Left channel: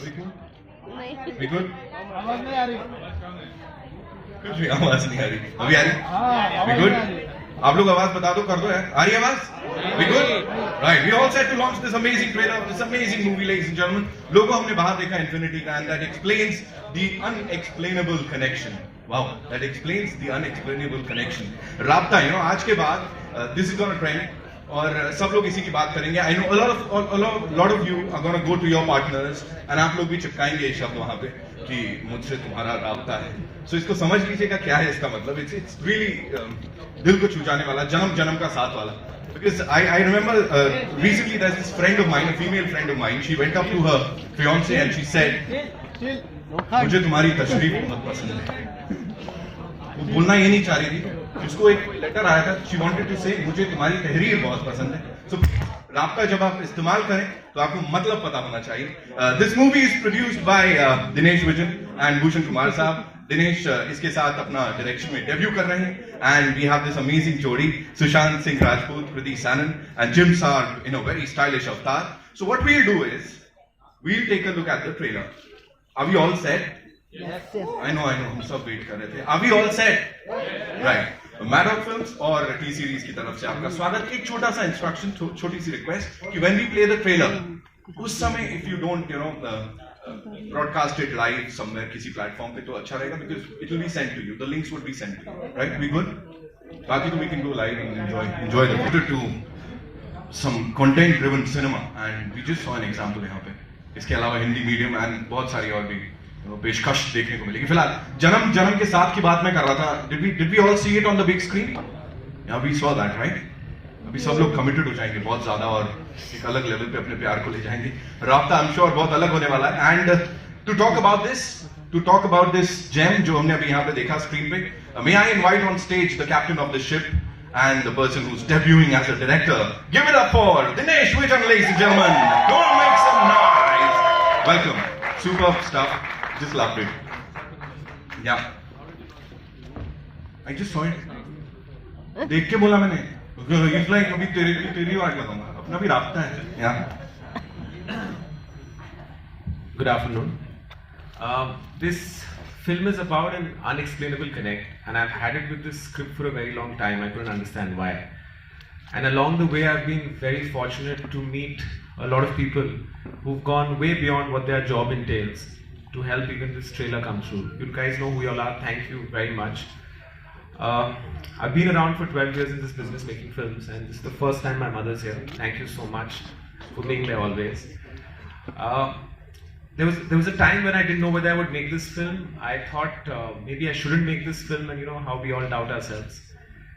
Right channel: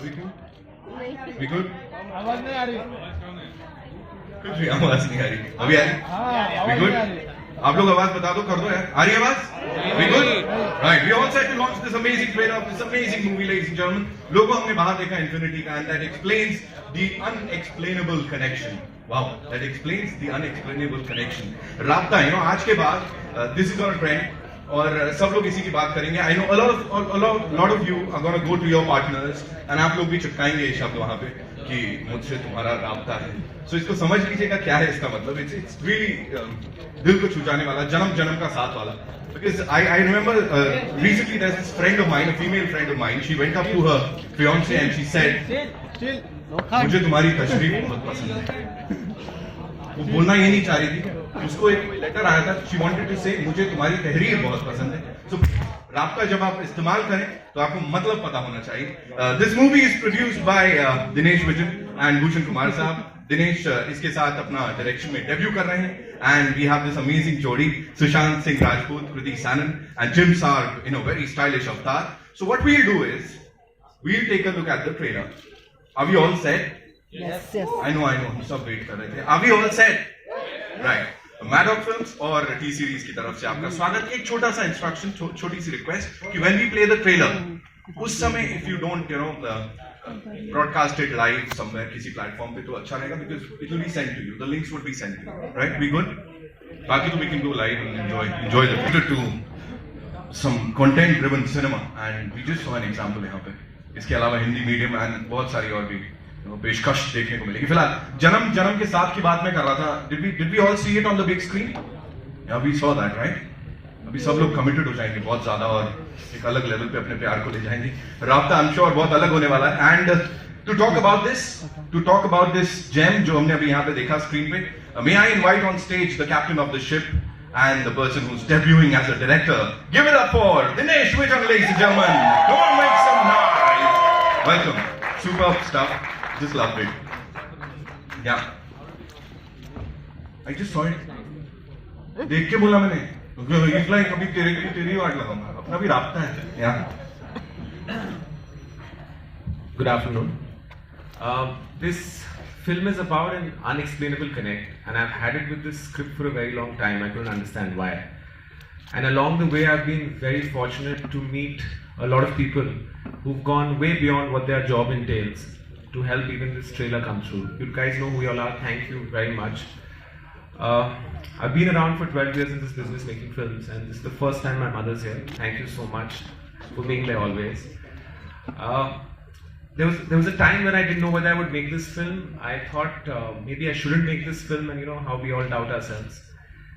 We good? आवाज नहीं आ रही। कुछ भी आवाज नहीं आ रही। अभी आ रही? We good? आप लोग आवाज बता दो, कर दो यार। आ रही आवाज? We good? Right. We all set to launch this amazing trailer, this amazing movie, ladies and gentlemen. लोगों हमने बाहर देखा Infinity का, and that explains the unexplainable connection. Wow, that explains the unexplainable connection. राब्ता, आज के बाद this is gonna trend. और सब लोग इसी की बात करेंगे. I know a lot of you are going to go to your partners and आप लोग भी चिपकाएंगे ये शब्द वहाँ पे कि मुझसे तुम्हारा राब्ता है. So इसको समझ लीजिएगा क्या है इसका मतलब. It's really दिल को छू जाने वाला, जन्म जन्म का साथ वाला. Because I remember recently there's this friend of mine, a female friend of mine. She went up to her fiance and she said, मुझे तुम्हारी तशरीफ बहुत पसंद है. वो बोलना ये नहीं चाह रही थी. उसको एक कोई लेटर आया था. She wanted to say मुझे तुम्हारी तहरीर बहुत पसंद है. So राब्ता जब आप इस्तेमाल करें तो आपको मतलब पता होना चाहिए. This movie is produced by Dinesh Vijan and Bhushan Kumar साहब. दिनेश इसके साथ अपना डायरेक्शन में डेब्यू कर रहे हैं. And we have this amazing जोड़ी, Sushant Singh Rajput, Kriti Sanon and Jim Sarg in a very stylish avatar. So what we'll do is we'll take a look at the trailer. Are we all set? Yes. I know. हम सब wait कर रहे थे. Are we all set? Right. Maddock Films और T-Series की तरफ से आपका स्वागत. एक छोटा सा इंस्ट्रक्शन, छोटी सी रिक्वेस्ट कि when we play the trailer, उस समय if you don't broadcast it live somewhere किसी प्लेटफॉर्म पे तो अच्छा रहेगा, because it will be sent to you. The links will be sent to you. Right? We good? बाकी तो we can go live and enjoy the picture to some content-driven cinema, and we just saw an example यहाँ पे. इसके अलावा Hindi medium and बहुत सारी और भी पेशकश देखने को मिलेगी. फिलहाल जन्म के साथ की बात मैं कर रहा था. Did we all see it on the big screen? Yeah, we saw that, right? अभी सब लोग कमिटेड हो जाएंगे बहुत ज्यादा और एक अलग लेवल पे अपने प्यार को ले जाएंगे. राब्ता आई एम श्योर बहुत अलग होने वाला है. And to talk about this gem जो हमने अभी यहाँ पे देखा स्क्रीन पे, may I invite on stage the captain of the ship and the person who's debuting as a director. Give it up for Dinesh Vijan, ladies and gentlemen. Go and make some noise. Welcome. Superb stuff. Just loved it. Yeah. I just saw it. देख के बोला मैंने. It's like अभी तेरी वाट लगाऊंगा. अपना भी राब्ता है. Yeah. Good afternoon. This film is about an unexplainable connect, and I've had it with this script for a very long time. I couldn't understand why. And along the way, I've been very fortunate to meet a lot of people who've gone way beyond what their job entails to help even this trailer come through. You guys know who you all are. Thank you very much. I've been around for 12 years in this business making films, and this is the first time my mother's here. Thank you so much for being there always. There was a time when I didn't know whether I would make this film. I thought maybe I shouldn't make this film, and how we all doubt ourselves.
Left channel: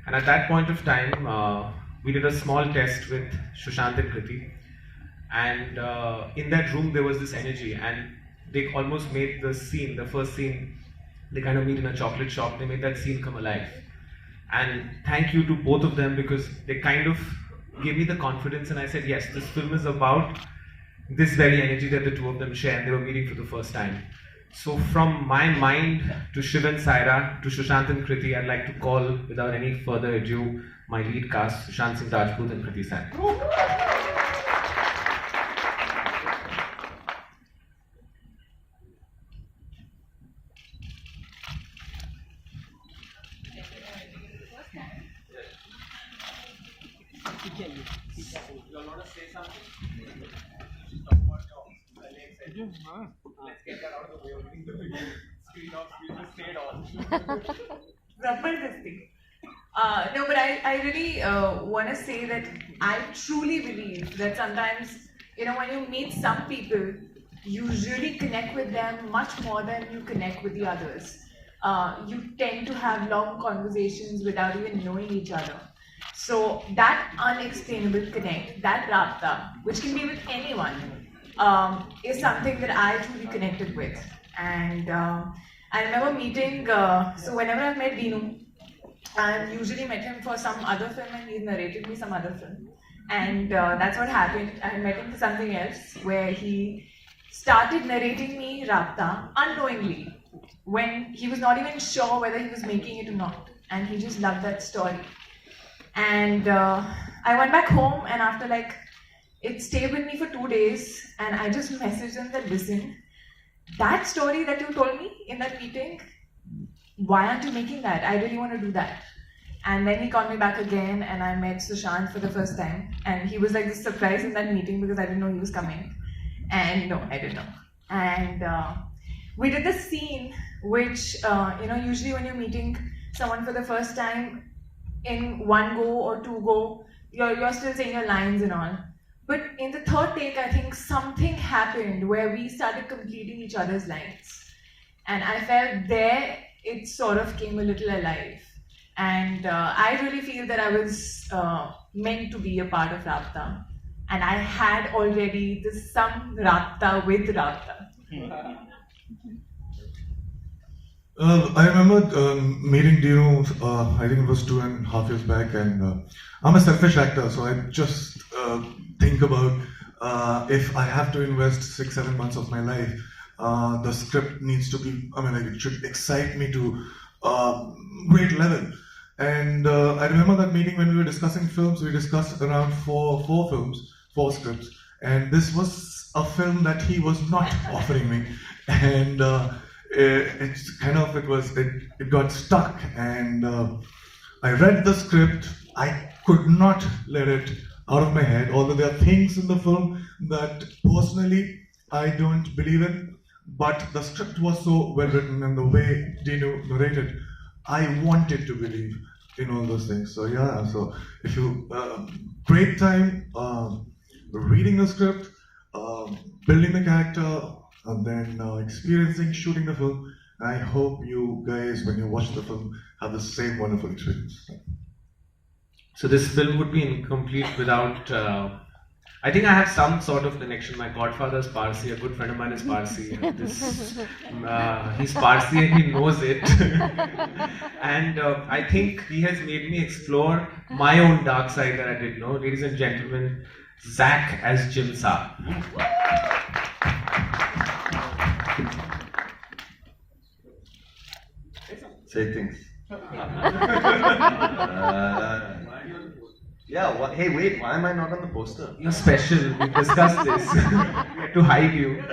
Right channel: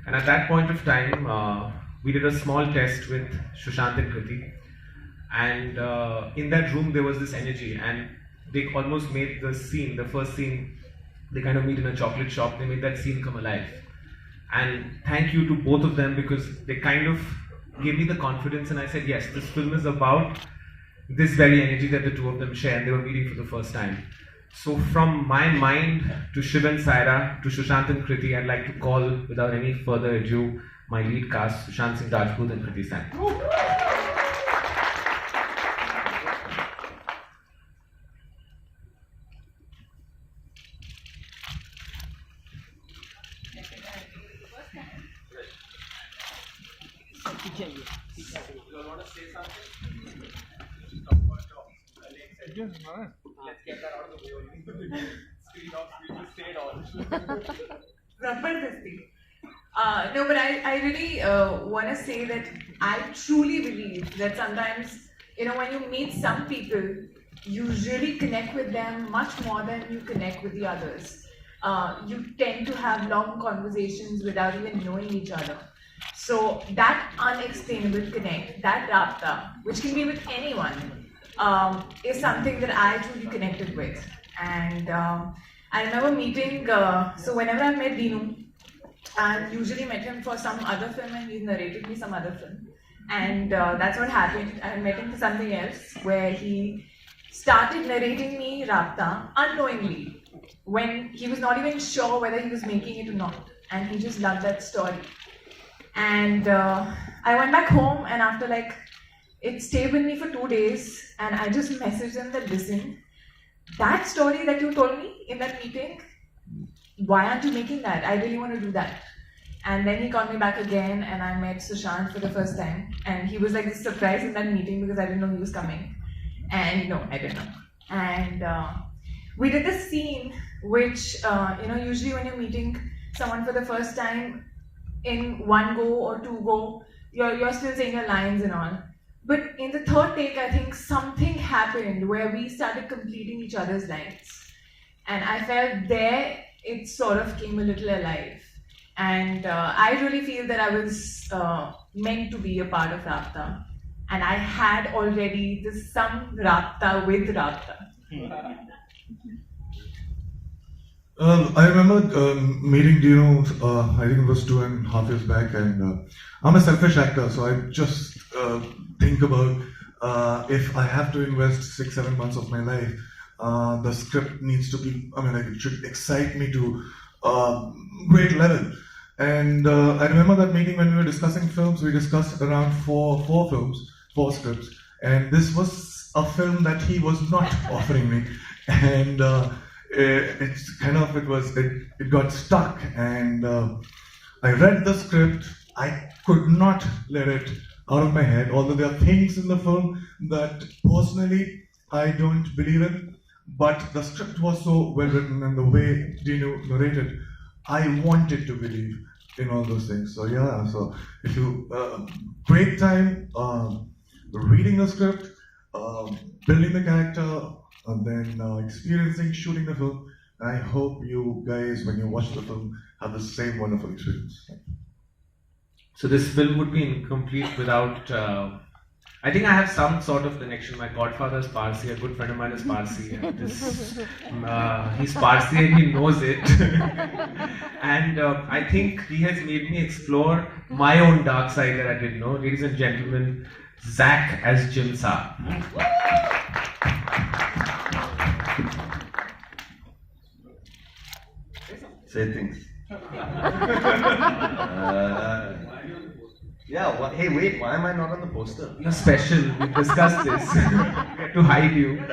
And at that point of time, we did a small test with Sushant and Kriti, and in that room there was this energy, and they almost made the scene, the first scene, they kind of meet in a chocolate shop, they made that scene come alive. And thank you to both of them, because they kind of gave me the confidence, and I said, yes, this film is about this very energy that the two of them share, and they were meeting for the first time. So from my mind to Shiv and Saira, to Sushant and Kriti, I'd like to call, without any further ado, my lead cast, Sushant Singh Rajput and Kriti Sanon. You all want to say something? Let's get that out of the way only. Screen off, we just say it all. Zabardasti. No, but I really want to say that I truly believe that sometimes, when you meet some people, you really connect with them much more than you connect with the others. You tend to have long conversations without even knowing each other. So that unexplainable connect, that Raabta, which can be with anyone, is something that I truly connected with. And I remember meeting, so whenever I met Dinu, I usually met him for some other film and he narrated me some other film. And that's what happened. I met him for something else where he started narrating me Raabta unknowingly when he was not even sure whether he was making it or not. And he just loved that story. And I went back home, and after it stayed with me for 2 days, and I just messaged them that, listen, that story that you told me in that meeting, why aren't you making that? I really want to do that. And then he called me back again, and I met Sushant for the first time. And he was like this surprise in that meeting because I didn't know he was coming. And no, I didn't know. And we did this scene which, usually when you're meeting someone for the first time, in one go or two go, you're still saying your lines and all. But in the third take, I think something happened where we started completing each other's lines. And I felt there it sort of came a little alive. And I really feel that I was meant to be a part of Raabta. And I had already some Raabta with Raabta. I remember meeting Dino, I think it was 2.5 years back, and I'm a selfish actor, so I just think about if I have to invest 6-7 months of my life, the script needs to be, it should excite me to great level. And I remember that meeting when we were discussing films, we discussed around four scripts, and this was a film that he was not offering me, and it got stuck, and I read the script. I could not let it out of my head, although there are things in the film that personally I don't believe in, but the script was so well written, and the way Dino narrated, I wanted to believe in all those things. So yeah, so if you great time reading the script, building the character, and then experiencing shooting the film. I hope you guys, when you watch the film, have the same wonderful experience. So this film would be incomplete without. I think I have some sort of connection. My godfather is Parsi. A good friend of mine is Parsi. And he's Parsi and he knows it. And I think he has made me explore my own dark side that I didn't know. Ladies and gentlemen, Zach as Jim Sa. Say things. Hey, wait, why am I not on the poster? You're special. We discussed this. We had to hide you.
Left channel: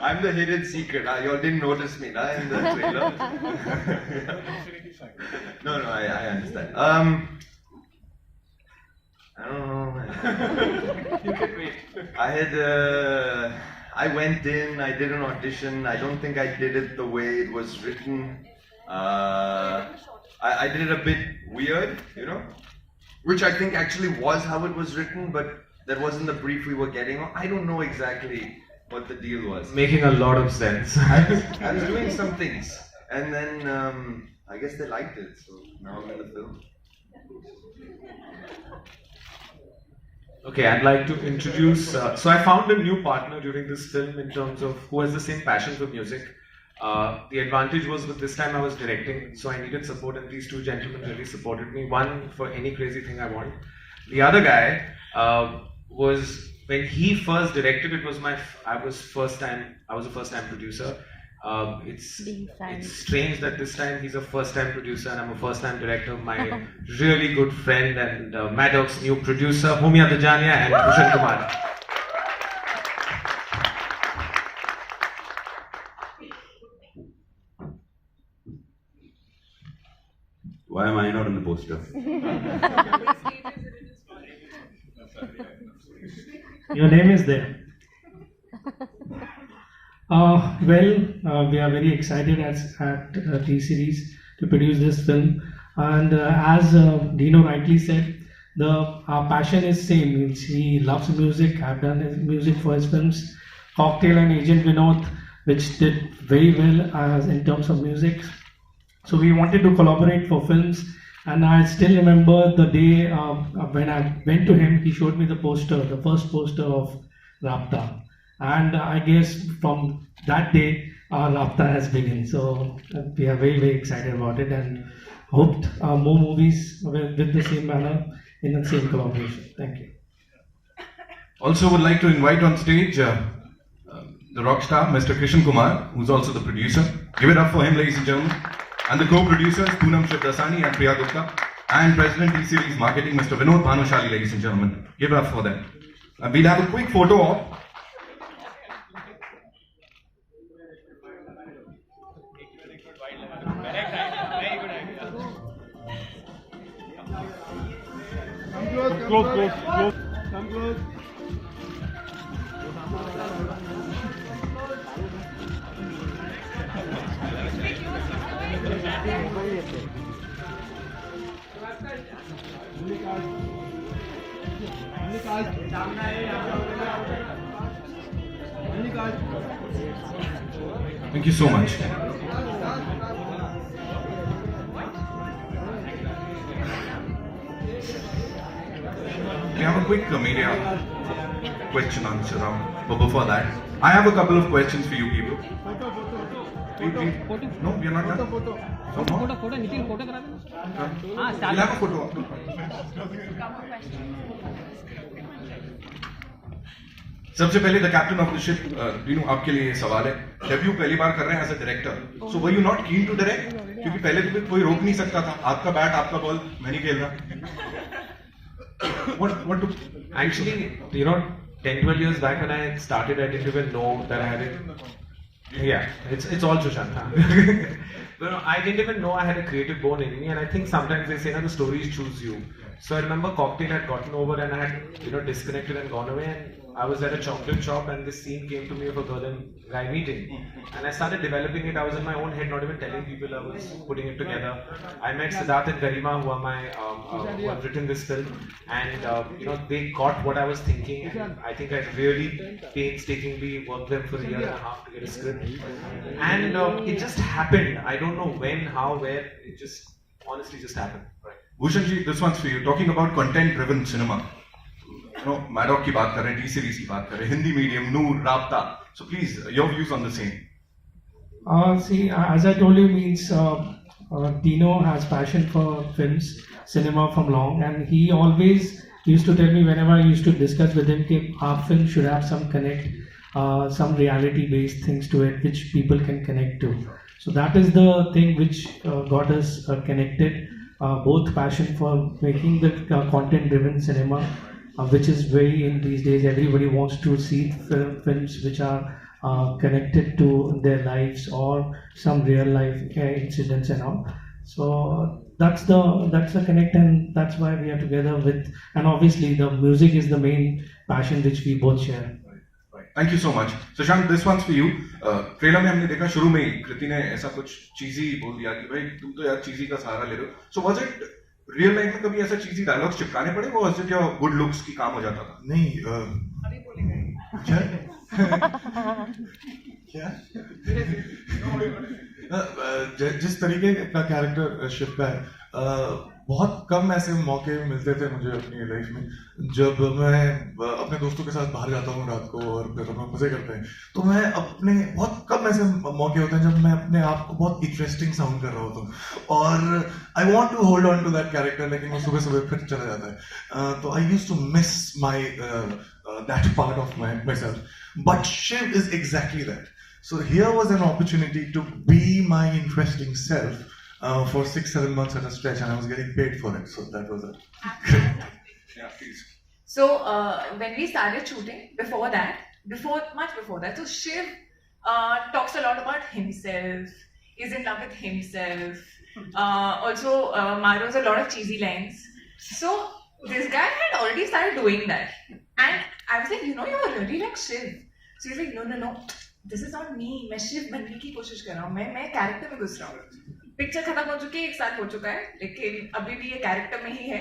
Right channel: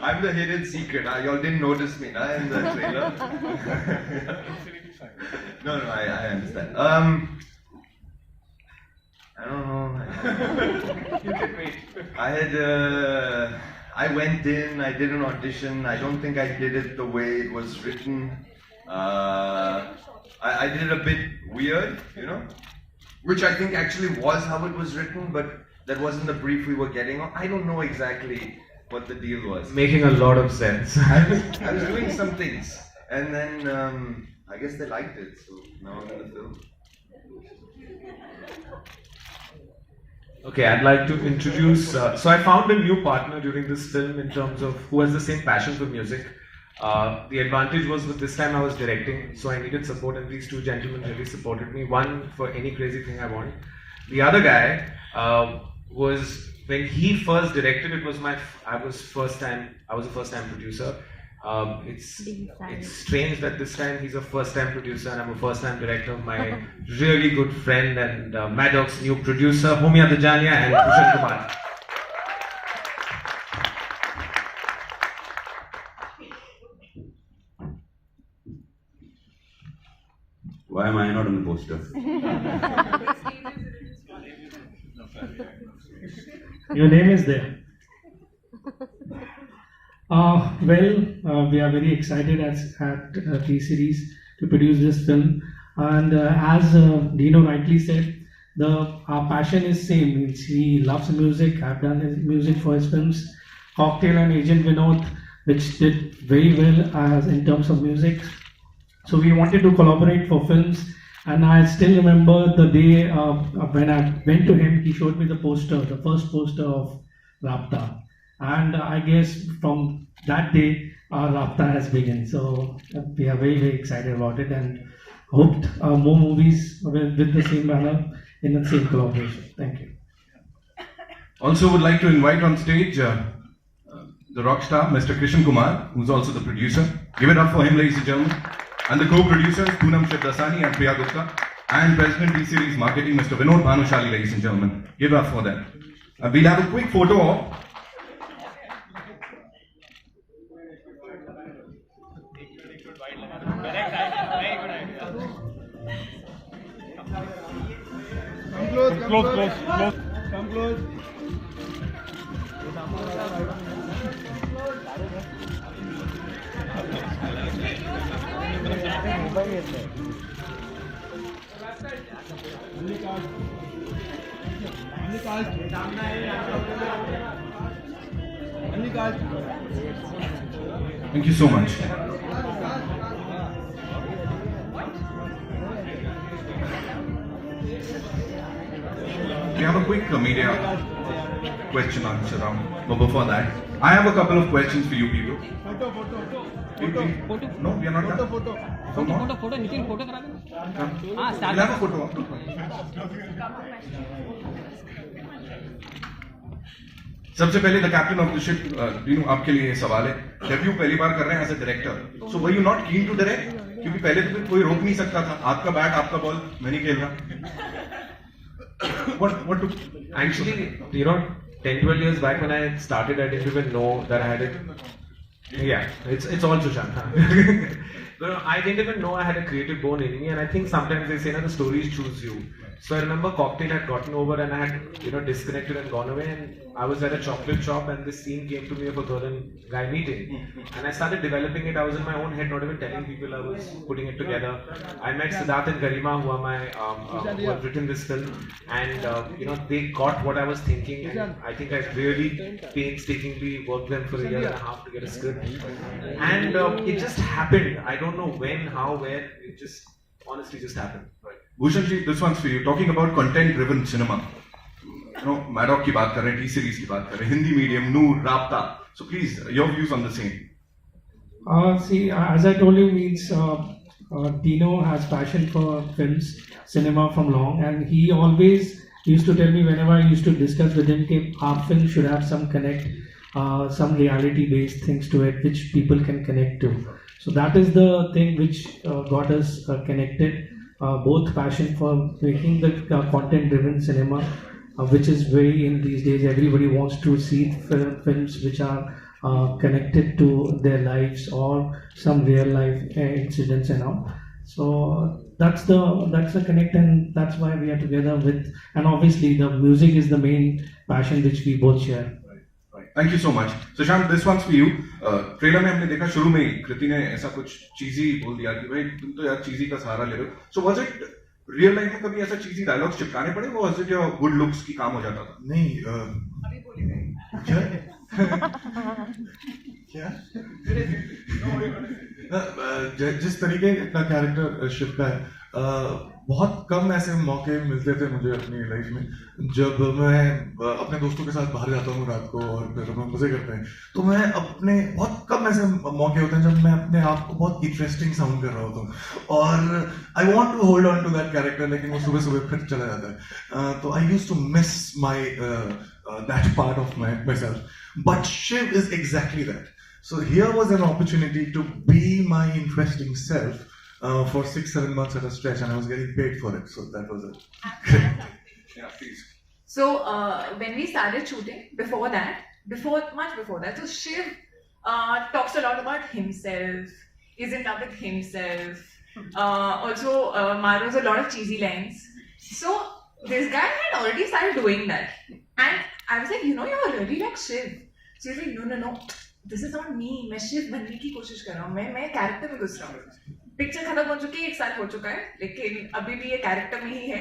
I'm the hidden secret. Y'all didn't notice me in the trailer. No, I understand. I don't know. You can wait. I went in, I did an audition. I don't think I did it the way it was written. I did it a bit weird, which I think actually was how it was written, but that wasn't the brief we were getting. I don't know exactly what the deal was. Making a lot of sense. I was doing some things, and then I guess they liked it, so now I'm in the film. Okay, I'd like to introduce. So I found a new partner during this film in terms of who has the same passion for music. The advantage was that this time I was directing, so I needed support, and these two gentlemen really supported me. One for any crazy thing I want. The other guy was when he first directed. It was I was a first time producer. It's strange that this time he's a first time producer and I'm a first time director. My really good friend and Maddock's new producer, Homia Dajania and Sushant Kumar. Why am I not on the poster? Your name is there. We are very excited at TSeries to produce this film, and as Dino rightly said, our passion is same. Means he loves music. I've done his music for his films, Cocktail and Agent Vinod, which did very well in terms of music. So we wanted to collaborate for films, and I still remember the day when I went to him. He showed me the first poster of Raabta. And I guess from that day, our Raabta has begun. So we are very, very excited about it and hoped more movies with the same manner in the same collaboration. Thank you. Also would like to invite on stage the rock star, Mr. Krishan Kumar, who's also the producer. Give it up for him, ladies and gentlemen. And the co-producers, Poonam Shivdasani and Priya Gupta. And President TSeries Marketing, Mr. Vinod Bhanushali, ladies and gentlemen. Give it up for them. We'll have a quick photo op. Thank you so much. We have a quick media question answer round. But before that, I have a couple of questions for you people. No, we are not done. So no? We'll have a photo. सबसे पहले the captain of the ship तीनों आपके लिए सवाल है debut पहली बार कर रहे हैं as a director so were you not keen to direct क्योंकि पहले तो कोई रोक नहीं सकता था आपका बैट आपका बॉल मैं नहीं खेल रहा what Actually, 10-12 years back when I started, I didn't even know that I had it. Yeah, it's all Sushant. But I didn't even know I had a creative bone in me, and I think sometimes they say that the stories choose you. So I remember Cocktail had gotten over, and I had disconnected and gone away, and I was at a chocolate shop, and this scene came to me of a girl and guy meeting, and I started developing it. I was in my own head, not even telling people. I was putting it together. I met Siddharth and Garima, who are my who have written this film, and they got what I was thinking, and I think I really painstakingly worked them for a year and a half to get a script, and it just happened. I don't know when, how, where. It just honestly just happened. Right. Bhushan ji, this one's for you. Talking about content-driven cinema. Maddock की बात कर रहे हैं, TSeries की बात कर रहे हैं, हिंदी मीडियम, नूर, राब्ता. So please, your views on the same. See, as I told you, Dino has passion for films, cinema from long, and he always used to tell me whenever I used to discuss with him that our film should have some connect, some reality-based things to it, which people can connect to. So that is the thing which got us connected. Both passion for making the content-driven cinema, which is very in these days. Everybody wants to see films which are connected to their lives or some real life incidents and all. So that's the connect, and that's why we are together with. And obviously, the music is the main passion which we both share. Thank you so much. Sushant, this one's for you. Trailer में हमने देखा शुरू में ही कृति ने ऐसा कुछ चीजी बोल दिया कि भाई तुम तो यार चीजी का सहारा ले रहे हो. So was it real life में कभी ऐसा चीजी डायलॉग्स चिपकाने पड़े वो was it your good looks की काम हो जाता था? नहीं अभी बोलेगा क्या जिस तरीके का कैरेक्टर शिप का है बहुत कम ऐसे मौके मिलते थे मुझे अपनी लाइफ में जब मैं अपने दोस्तों के साथ बाहर जाता हूँ रात को और फिर हम मजे करते हैं तो मैं अपने बहुत कम ऐसे मौके होते हैं जब मैं अपने आप को बहुत इंटरेस्टिंग साउंड कर रहा होता हूँ और I want to hold on to that character लेकिन वो सुबह सुबह फिर चला जाता है तो I used to miss my that part of myself but Shiv is exactly that so here was an opportunity to be my interesting self for 6-7 months at a stretch, and I was getting paid for it. So that was it. Yeah, please. So when we started shooting, much before that, so Shiv talks a lot about himself, is in love with himself. Also Maro's a lot of cheesy lines. So this guy had already started doing that, and I was like, you're really like Shiv. So he's like, no, this is not me. मैं शिव बनने की कोशिश कर रहा हूँ. मैं character में घुस रहा हूँ. पिक्चर खत्म हो चुकी है, 1 साल हो चुका है, लेकिन अभी भी ये कैरेक्टर में ही है.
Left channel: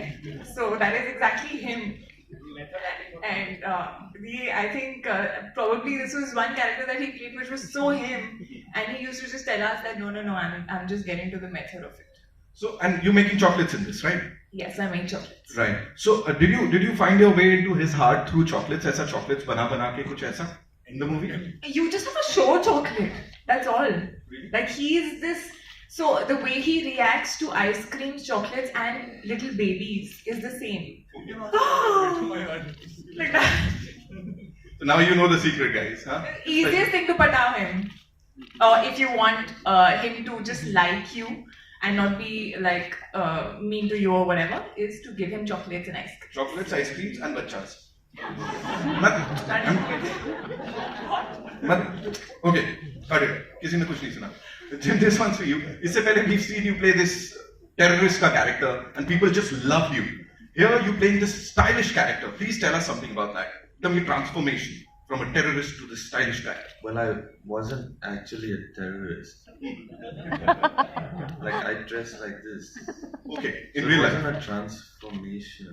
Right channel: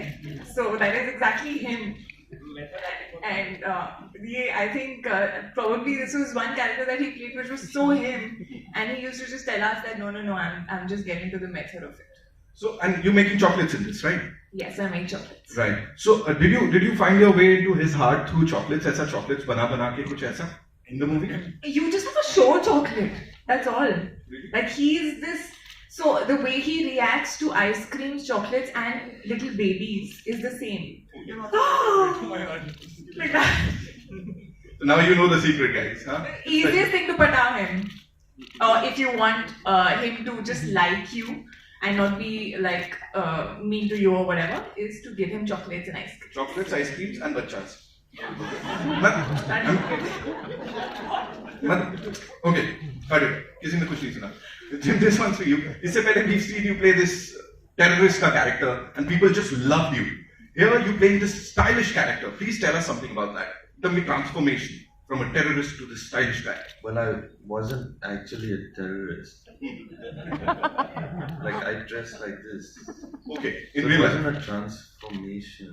So that is exactly him. And I think probably this was one character that he played which was so him, and he used to just tell us that no, I'm just getting to the method of it. So, and you're making chocolates in this, right? Yes, I make chocolates. Right. So, did you find your way into his heart through chocolates? ऐसा chocolates बना के कुछ ऐसा in the movie? You just have to show chocolate. That's all. Really? Like he's this. So the way he reacts to ice creams, chocolates, and little babies is the same. Like that. Now you know the secret, guys, huh? The easiest thing to pata him, if you want him to just like you and not be like mean to you or whatever, is to give him chocolates and ice cream. Chocolates, ice creams, and bachas. Okay, got it. किसी ने कुछ नहीं सुना. This one's for you. इससे पहले we've seen you play this terrorist का character, and people just loved you. Here you playing this stylish character. Please tell us something about that. The transformation from a terrorist to this stylish guy. Well, I wasn't actually a terrorist. Like, I dress like this. Okay, So in it real wasn't life. a transformation.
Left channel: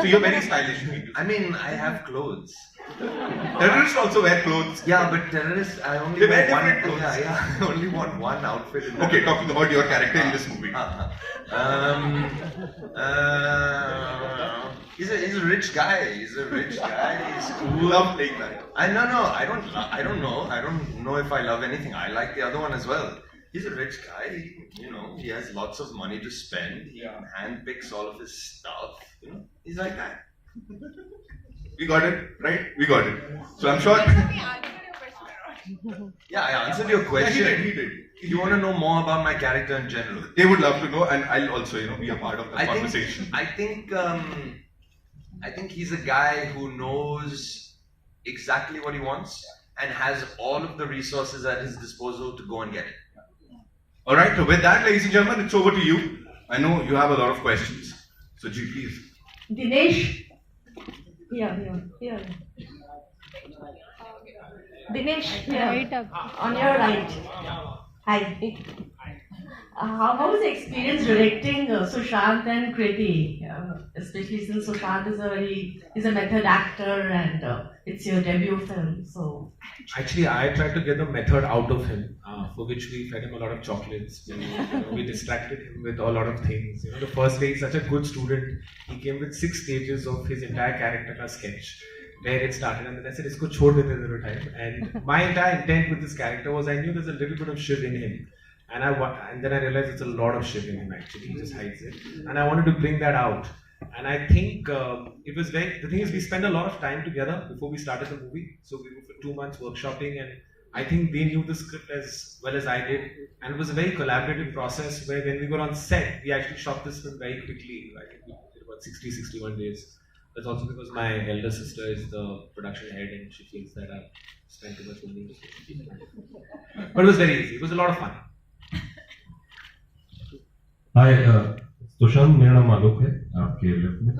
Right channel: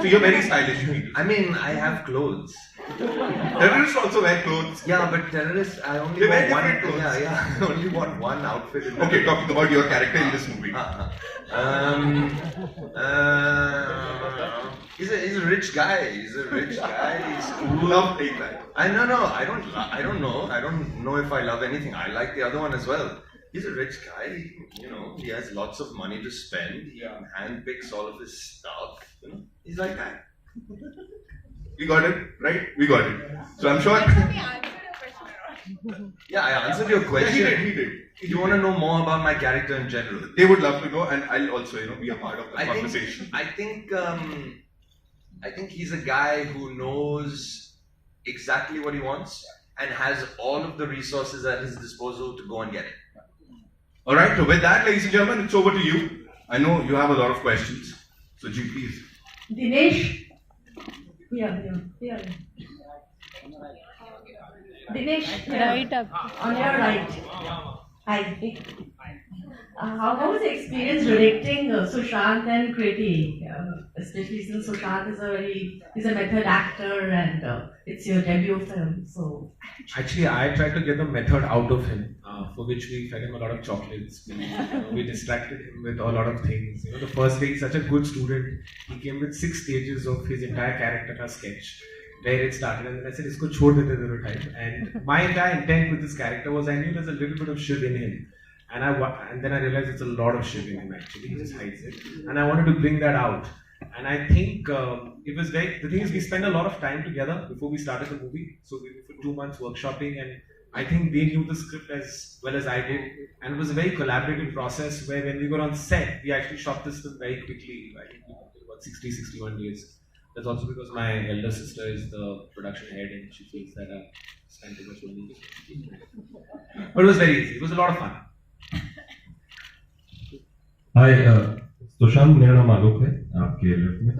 So you're very stylish, you mean. I mean, I have clothes. Terrorists also wear clothes. Yeah, but terrorists, I only They wear want one. different clothes. Yeah, I only want one outfit. In Okay, talking about your character in this movie. He's a rich guy. He's a rich guy. He's You cool. love playing that. I don't know. I don't know. I don't know if I love anything. I like the other one as well. He's a rich guy. He has lots of money to spend. He handpicks all of his stuff. He's like that. We got it, right? We got it. So I'm sure. Yeah, I answered your question. Yeah, he did. You want to know more about my character in general? They would love to know, and I'll also, be a part of the conversation. I think he's a guy who knows exactly what he wants and has all of the resources at his disposal to go and get it. All right. So with that, ladies and gentlemen, it's over to you. I know you have a lot of questions. So, Ji, please. Dinesh, here. Dinesh, right up. On your right. Hi. How was the experience directing Sushant and Kriti? Especially since Sushant is a method actor and it's your debut film. So Actually, I tried to get the method out of him, for which we fed him a lot of chocolates. We distracted him with a lot of things. The first day, he's such a good student. He came with 6 stages of his entire character ka sketch, where it started, and then I said, "Isko chhod dete the time." And my entire intent with this character was I knew there's a little bit of Shiv in him, and then I realized it's a lot of Shiv in him actually. He just hides it, and I wanted to bring that out. And I think it was the thing is we spent a lot of time together before we started the movie. So we were for 2 months workshopping, and I think they knew the script as well as I did. And it was a very collaborative process where when we were on set, we actually shot this film very quickly. I think we did about 61 days. That's also because my elder sister is the production head and she feels that I've spent too much money. But it was very easy. It was a lot of fun. हाय सुशांत, मेरा नाम माधोक है, आपके left में।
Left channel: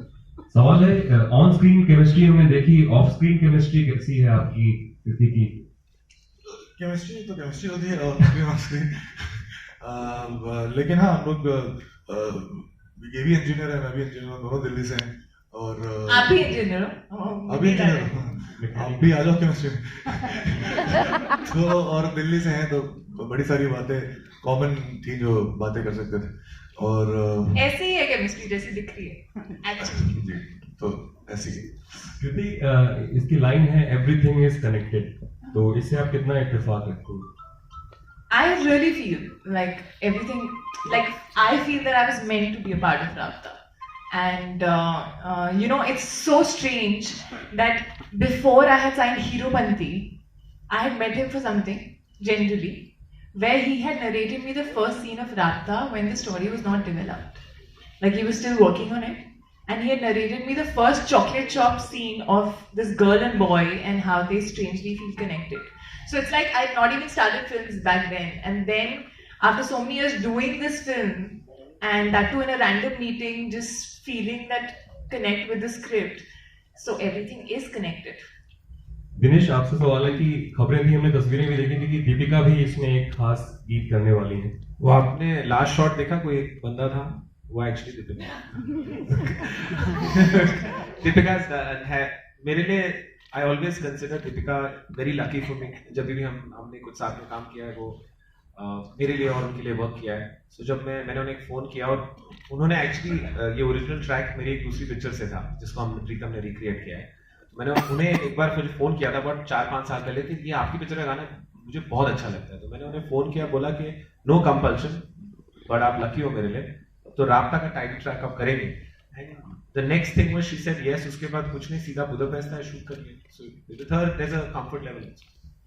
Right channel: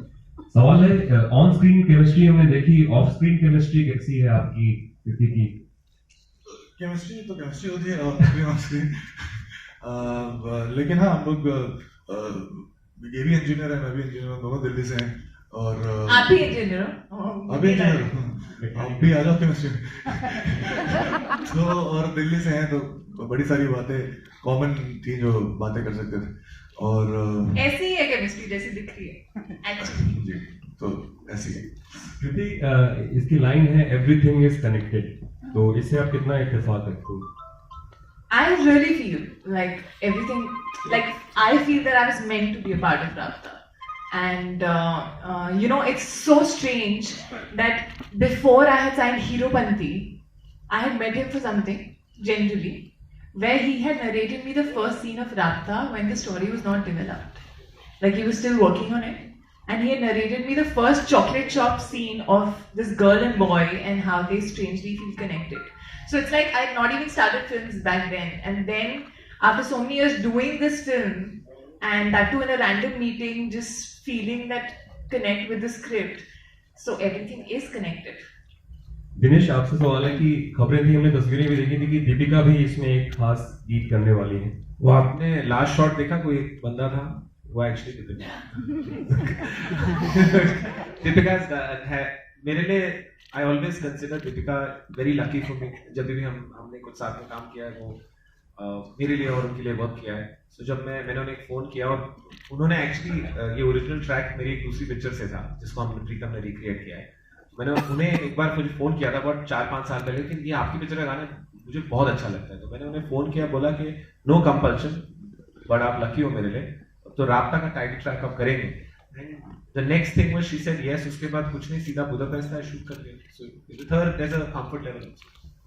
सवाल है, on screen chemistry हमने देखी, of screen chemistry कैसी है आपकी कृति की? केमिस्ट्री तो केमिस्ट्री होती है ऑन स्क्रीन, लेकिन हाँ हम लोग ये भी इंजीनियर है, मैं भी इंजीनियर हूँ, दोनों दिल्ली से हैं और आप भी इंजीनियर हो? अभी इंजीनियर आप भी आ जाओ केमिस्ट्री में। तो और दिल्ली से हैं तो बड़ी सारी बातें कॉमन थी जो बातें कर सकते थे और ऐसे ही है केमिस्ट्री जैसी दिख रही है एक्चुअली। जी तो ऐसी है। कृति, इसकी लाइन है एवरीथिंग इज कनेक्टेड, तो इससे आप कितना इत्तेफाक रखते हो? I really feel like everything, like I feel that I was meant to be a part of Raabta. And it's so strange that before I had signed Hero Banti, I had met him for something, generally, where he had narrated me the first scene of Raabta when the story was not developed. Like he was still working on it. And he had narrated me the first chocolate shop scene of this girl and boy and how they strangely feel connected. So it's like I had not even started films back then. And then after so many years doing this film, and that too in a random meeting, just feeling that connect with the script. So everything is connected. Dinesh, आपसे सवाल है कि खबरें थी, हमने तस्वीरें भी देखी थी कि दीपिका भी इसमें एक खास गीत करने वाली है। वो आपने लास्ट शॉट देखा, कोई एक बंदा था, वो एक्चुअली दीपिका है मेरे लिए। I always consider Deepika very lucky for me. जब भी हमने कुछ साथ में काम किया है, वो मेरे लिए और उनके लिए वर्क किया है। सो जब मैंने उन्हें फ़ोन किया और उन्होंने एक्चुअली ये ओरिजिनल ट्रैक मेरी एक दूसरी पिक्चर से था जिसको हमने प्रीतम ने रिक्रिएट किया है। मैंने उन्हें एक बार मुझे फ़ोन किया था बहुत 4-5 साल पहले कि ये आपकी पिक्चर का गाना मुझे बहुत अच्छा लगता है। तो मैंने उन्हें फ़ोन किया, बोला कि नो कंपल्शन, बट आप लकी हो मेरे लिए, तो राब्ता का टाइटल ट्रैक आप करेंगे। And the next thing was she said yes. उसके बाद कुछ नहीं, सीधा बुदापेस्ट में शूट कर लिया। So with her there is a comfort level.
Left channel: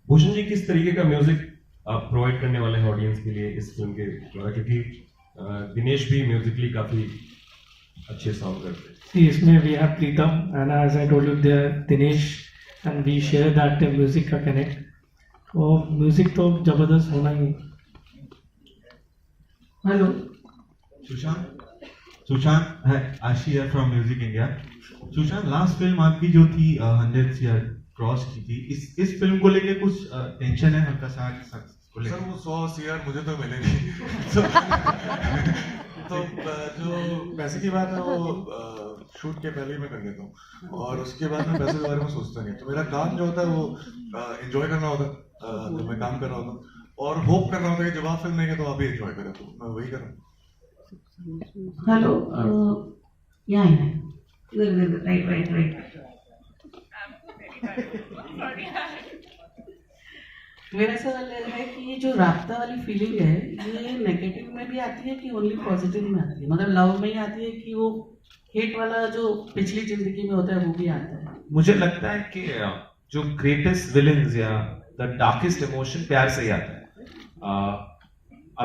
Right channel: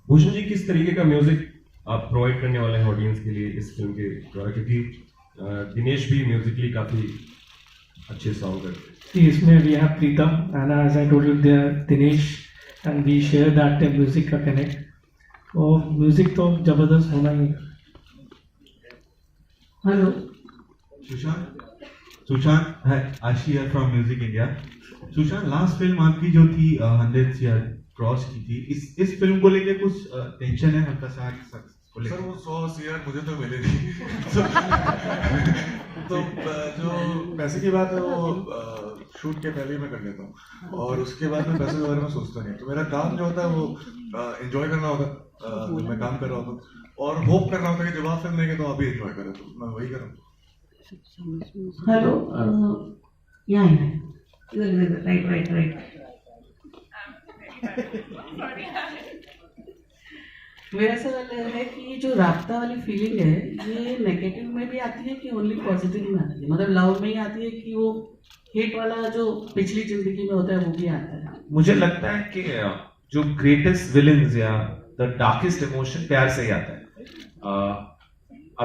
Bhushan ji, किस तरीके का म्यूजिक आप प्रोवाइड करने वाले हैं ऑडियंस के लिए इस फिल्म के द्वारा, क्योंकि दिनेश भी म्यूजिकली काफी अच्छे सॉन्ग करते हैं? इसमें we have Pritam and as I told you there Dinesh and we share that music का कनेक्ट। और म्यूजिक तो जबरदस्त होना ही। हेलो सुशांत, सुशांत है Ashiya from music India. Sushant, last film आपकी जो थी 100 CR क्रॉस की थी, इस फिल्म को लेके कुछ टेंशन है हल्का सा को लेके? सर वो 100 CR मुझे तो मिले नहीं तो जो पैसे की बात है वो शूट के पहले ही मैं कर लेता हूँ और उसके बाद मैं पैसे के बारे में सोचता नहीं। तो मेरा काम जो होता है वो एंजॉय करना होता है जब मैं काम कर रहा होता हूँ, और होप करना होता है कि जब आप फिल्म देंगे तो आप भी एंजॉय करें, तो मैं वही कर रहा हूँ। हेलो, यहाँ राइट। मेरा सवाल है कि ये जो राब्ता वाली फीलिंग है, ये नेगेटिव में भी आती है कि ओनली पॉजिटिव में आती है? मतलब लव में ही आती है कि वो हेट वाला जो पिछली जिंदगी में होता है वो भी आता है? मुझे लगता है कि जो ग्रेटेस्ट विलन्स या द डार्केस्ट इमोशन प्यार से ही आता है।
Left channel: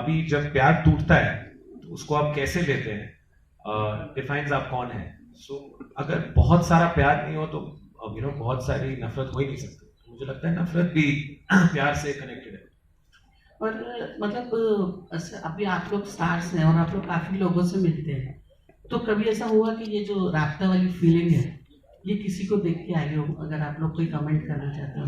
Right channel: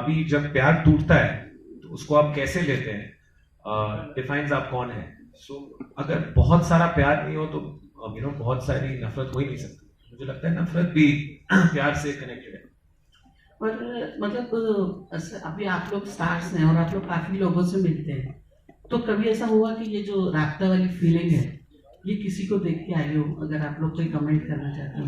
अभी जब प्यार टूटता है तो उसको आप कैसे लेते हैं डिफाइंस आप कौन है। सो अगर बहुत सारा प्यार नहीं हो तो बहुत सारी नफरत हो ही नहीं सकती। मुझे लगता है नफरत भी प्यार से कनेक्टेड है। और मतलब अभी आप लोग स्टार्स हैं और आप लोग काफी लोगों से मिलते हैं, तो कभी ऐसा हुआ कि ये जो राब्ता वाली फीलिंग है ये किसी को देख के आई हो? अगर आप लोग कोई कमेंट करना चाहते हो।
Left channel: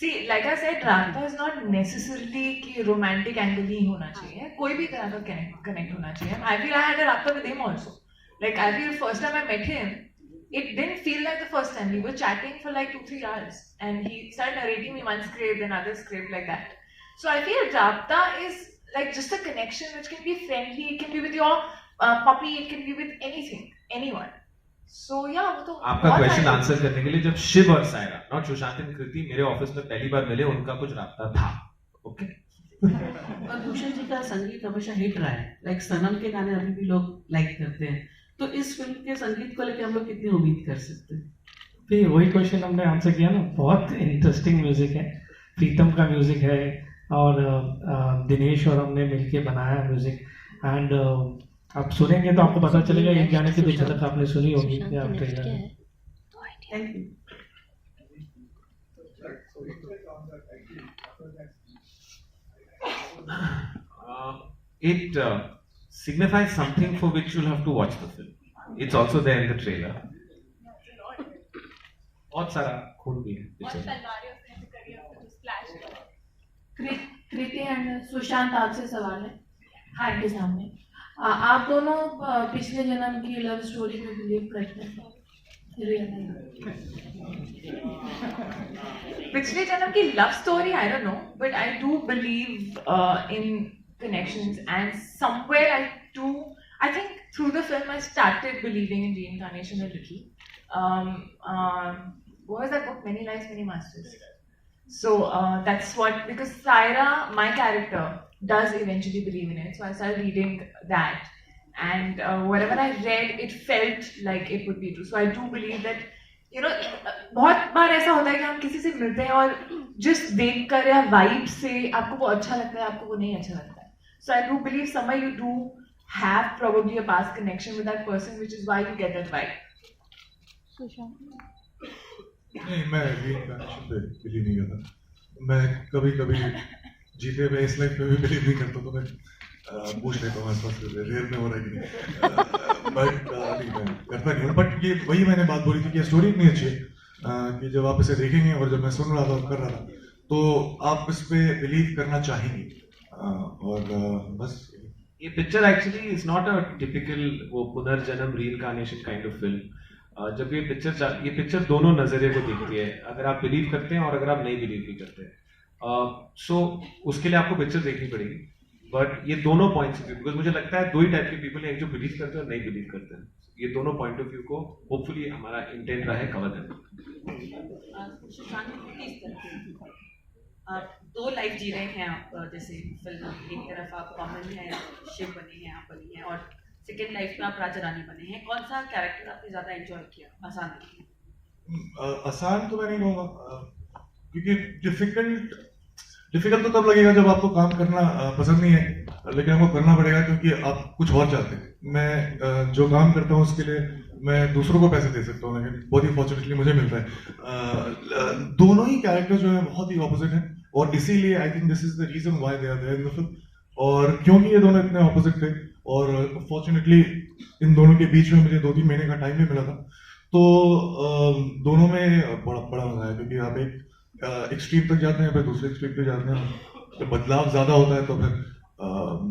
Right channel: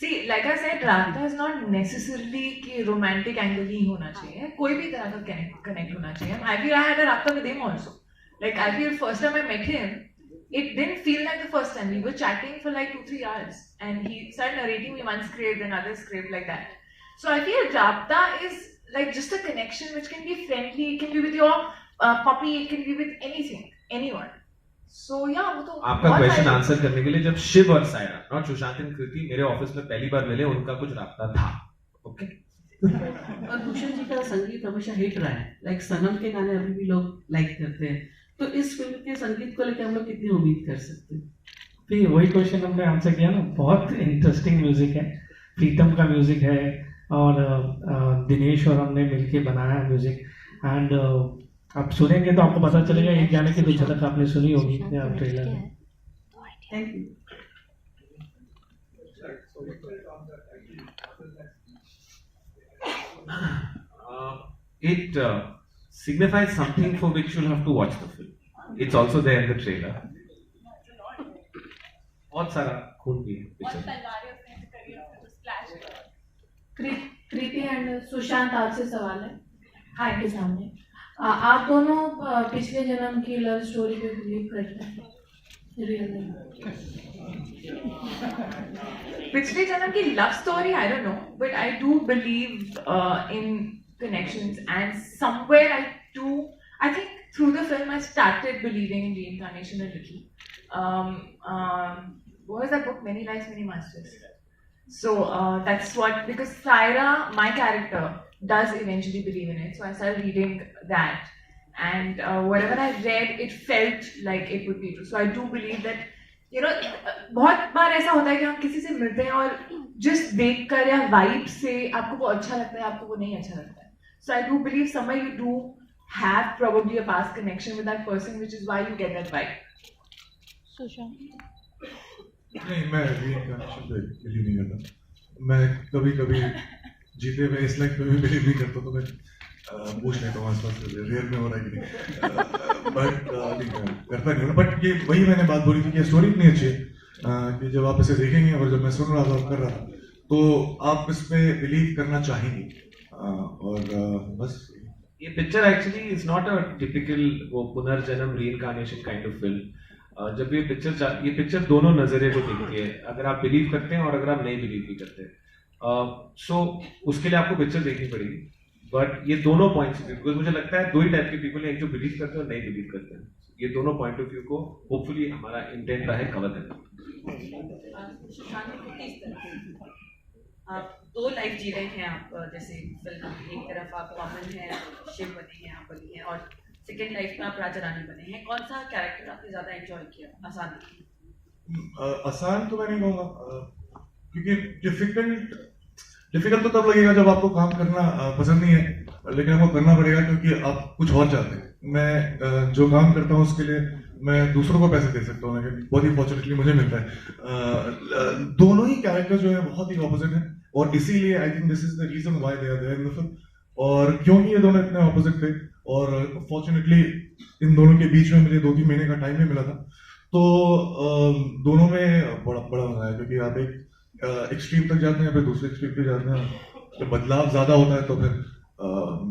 See, like I said, Raabta is not necessarily कि romantic angle ही होना चाहिए, कोई भी तरह का connect होना चाहिए. I feel I had a Raabta with him also. Like I feel first time I met him, it didn't feel like the first time. We were chatting for like 2-3 hours, and he started narrating me one script, then another script like that. So I feel Raabta is like just a connection which can be friendly. It can be with your puppy. It can be with anything, anyone. So yeah, वो तो आपका question answer करने के लिए, जब शिव और Saira not Sushant and कृति मेरे office में पहली बार मिले, उनका कुछ राब्ता था। ओके। और भूषण जी का संगीत हमेशा हिट रहा है, लाइक सनम के गाने अभी भी लोग लाइक करते हैं, तो इस फिल्म के संगीत को लेकर हम लोग कितनी उम्मीद कर सकते हैं? तो वही क्वेश्चन हमने आंसर किया ना, बहुत इंटरेस्टिंग म्यूजिक है, प्रीतम का म्यूजिक है और दिनेश और हमने मिलके बनाया म्यूजिक। एंड आप सुनेंगे तो आपको पता चलेगा, एक गाने की तो झलक आपने सुनी होगी ट्रेलर में। It signifies something for which you'll have to watch the film. It's also there in the trailer. बहुत सारा खून भी है। कृति एंड सुशांत, आपसे सवाल है हाय के सामने। आप दोनों पिछले जन्म की लव स्टोरी पे बिलीव करते हैं? रियल में पिछले जन्म की love story I don't know, but I do believe in connections, and somewhere I think through the film I started believing in reincarnation a little. What was that book? Many Lives, Many Masters. So that's what, because Saira, my character, does eventually believe in it. So I started reading that, and whatever I read, it felt like it would be true. So I do believe that, बहुत बार ऐसा होता है कि हम किसी से मिलते हैं और just देखकर या वाइब से आपको वो अच्छा लगता है, आपको वो नहीं अच्छा लगता है. So I do believe somewhere you do have probably a past connection with that person, which is why you get that vibe. नहीं, मैं reincarnation पे बिलीव नहीं करता. मैं कभी जीते हुए इस लाइफ पे भी बिलीव नहीं करता, तो मैं पूछ लेता हूँ आसपास से रियल में हो रहा है कि नहीं. बट करता नहीं हूँ. बट ये वही मैंने बात बोली थी कि स्टोरी इतनी अच्छी है कि जब आप इसे देखेंगे और जब मैं सुन रहा था और कर रहा था तो आप इस पे बिलीव करना चाहेंगे. और बस ये picture actually is not a typical वो पुनर्जन्म रीइंकार्नेशन काइंड ऑफ फिल्म. जब ये पिक्चर दोनों नजरिए को देखती है, अगर आप बिलीव करते हैं और अगर आप नहीं बिलीव भी करते हैं. सो उसके लिए आपको पिक्चर देखनी पड़ेगी. बट ये दोनों पॉइंट्स ऑफ व्यू, बिकॉज मुझे लगता है दो ही टाइप के पीपल हैं, एक जो बिलीव करते हैं और नहीं बिलीव करते हैं. ये दोनों पॉइंट ऑफ व्यू को होपफुली हमारा इंटेंट रहा है कवर करना. दो लाइफ जी रहे हैं आप, जैसे फिल्म एक तरफ आप कॉमन है, शिव बनी है, आप बनी है, और सेकेंड लाइफ में आप राजा रानी बने हैं. कौन सा कैरेक्टर आपने ज्यादा एंजॉय किया, आसान किया? आसान तो मैं नहीं कहूँगा, क्योंकि डिफिकल्ट तो तब लगेगा जब आपको काम करना पसंद नहीं है, लेकिन आपको करना पड़ेगा क्योंकि आप कुछ और चाहते हैं. मैं जो काम करता हूँ उसके लिए मैं दूसरों को पैसे दे सकता हूँ, लेकिन बहुत ही फॉर्चुनेटली मुझे मिल रहा है. दोनों ही कैरेक्टर जो है बहुत ही ऑपोजिट है, और इसीलिए I think this is the reason why they are there in the film. और क्योंकि ये दोनों इतने ऑपोजिट थे और फॉर्चुनेटली इन दोनों के बीच में मुझे 2-3 महीने का टाइम भी मिला था, तो दोनों में बड़ा बड़ा मजा आया, क्योंकि आप एक एक्सट्रीम तक जाते हैं, फिर दूसरे एक्सट्रीम पे जाते हैं, तो बदलाव ज्यादा होता है, तो फिर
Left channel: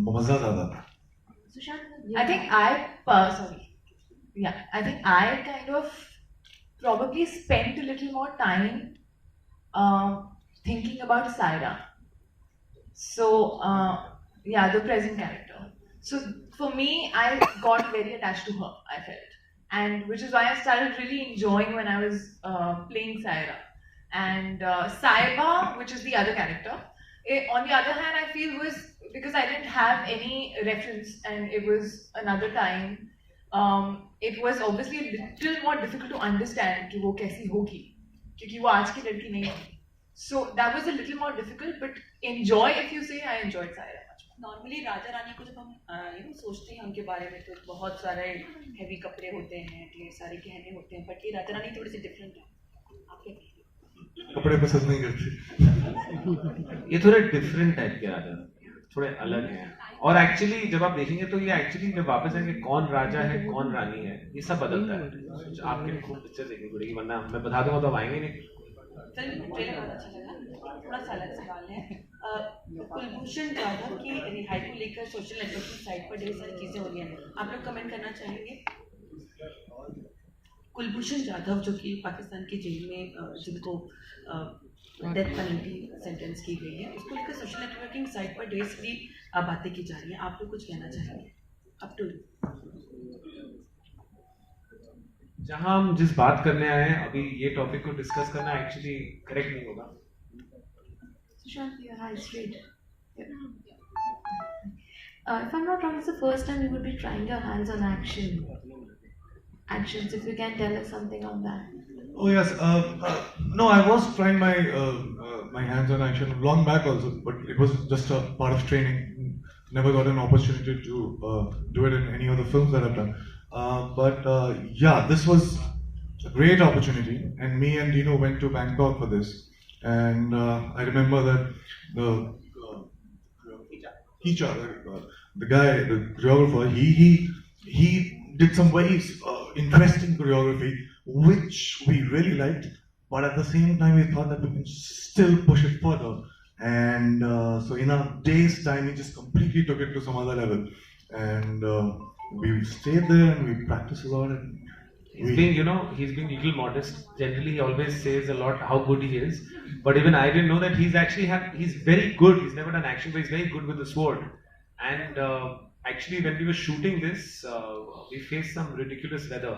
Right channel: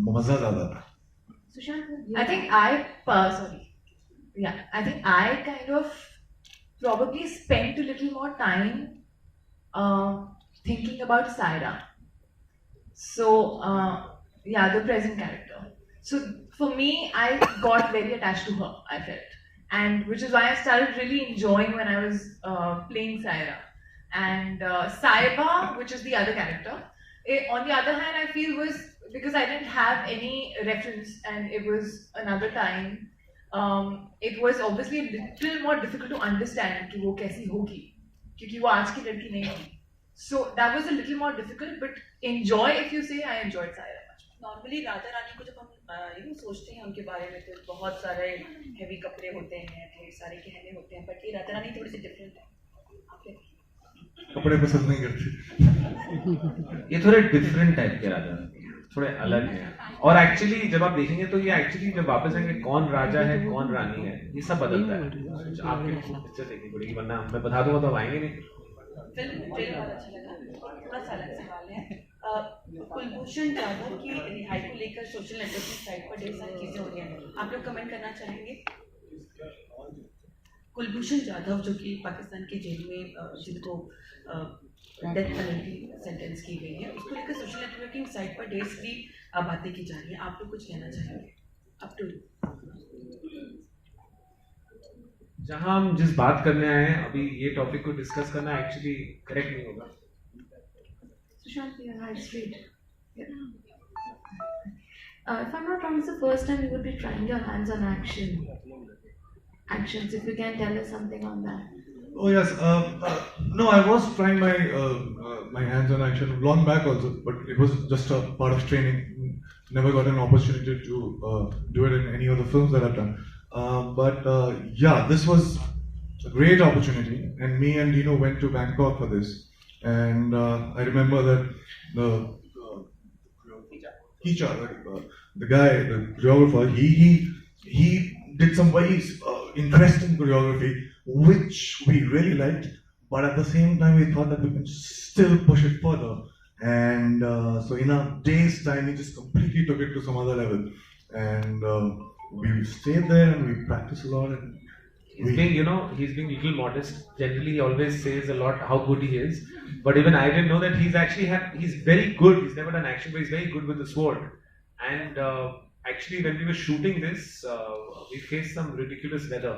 मजा ज्यादा आता है। I think I kind of probably spent a little more time thinking about Saira. So, the present character. So, for me, I got very attached to her, I felt. And which is why I started really enjoying when I was playing Saira. And Saiba, which is the other character, on the other hand, I feel was because I didn't have any reference and it was another time, it was obviously a little more difficult to understand कि वो कैसी होगी, क्योंकि वो आज की लड़की नहीं थी. So that was a little more difficult, but enjoy, if you say, I enjoyed Saira much. Normally राजा रानी को जब हम सोचते हैं उनके बारे में, तो बहुत सारे हेवी कपड़े होते हैं, ढेर सारे गहने होते हैं, बट ये राजा रानी थोड़ी सी डिफरेंट है. कपड़े पसंद नहीं करती, ये थोड़े डिफरेंट टाइप के राजा, थोड़े अलग हैं. और एक्चुअली जब आप देखेंगे तो ये एक्चुअली जब वापस आएंगे कौन राजा है कौन रानी है, ये सब बदलता है. आपके पिक्चर देखनी पड़ेगी, वरना मैं बता दूंगा तो आप आएंगे नहीं. फिल्म ट्रेलर बहुत अच्छा लगा. थोड़ा सा अलग सवाल है, कुलभूषण जाधव की रिहाई को लेकर सोशल नेटवर्किंग साइट पर ढेर सारी चीजें हो रही हैं, आप लोग कमेंट करना चाहेंगे? कुलभूषण जाधव जो कि पाकिस्तान की जेल में जिनको डेथ पेनल्टी सेंटेंस की गई है, उसको लेकर सोशल नेटवर्किंग साइट पर ढेर सारी बातें की जा रही हैं, आप लोग कुछ कहना चाहेंगे? अप टू जहां हम जिस बात करने आए हैं अभी ये टॉपिक को डिस्कस करना एक्चुअली करेक्ट नहीं होगा. Sushant, your eyes straight. Yeah. If I'm not wrong, it's the first time you would be trying your hands on actions. If you can tell us something on that. Oh yes, no, I was trying my my hands on action long back also, but it was just a part of training. Never got an opportunity to do it in any of the films that I've done. But this was a great opportunity, and me and Dino went to Bangkok for this. And I remember that the teacher, the guy, the choreographer, he did some very interesting choreography, which we really liked. But at the same time, we thought that we can still push it further. And so in a day's time, he just completely took it to some other level. And we stayed there and we practiced a lot. And he's being a little modest. Generally, he always says a lot how good he is. But even I didn't know that he's very good. He's never done action, but he's very good with the sword. And actually, when we were shooting this, we faced some ridiculous weather.